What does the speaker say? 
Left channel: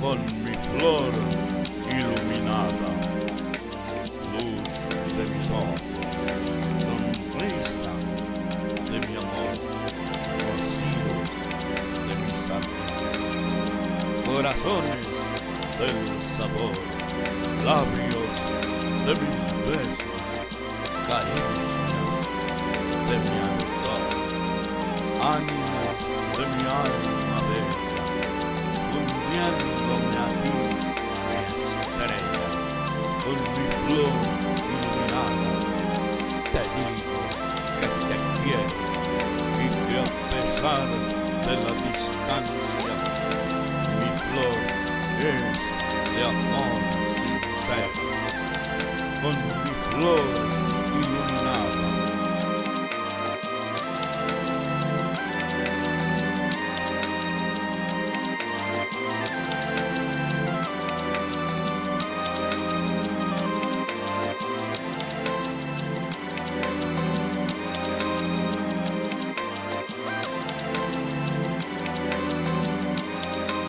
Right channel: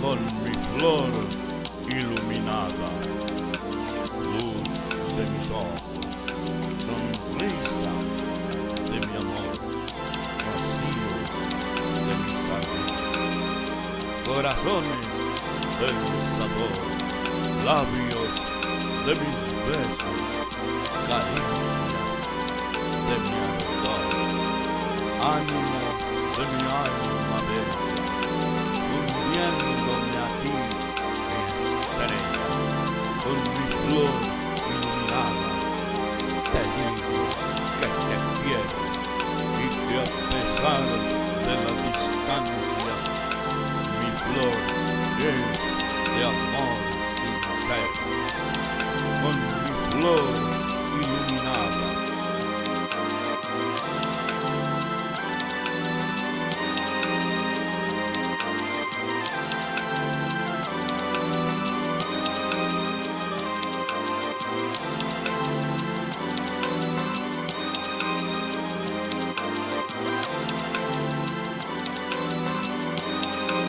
con mi flor iluminada, luz de mis ojos, sonrisa de mi amor, rocío de mis arrugas, corazones del sabor, labios de mis besos, caricias de mi ardor, ánimo de mi alma bella, hundiéndome a ti, mi estrella, con mi flor iluminada, te digo que te quiero y que a pesar de la distancia, mi flor es de amor sincero. Con mi flor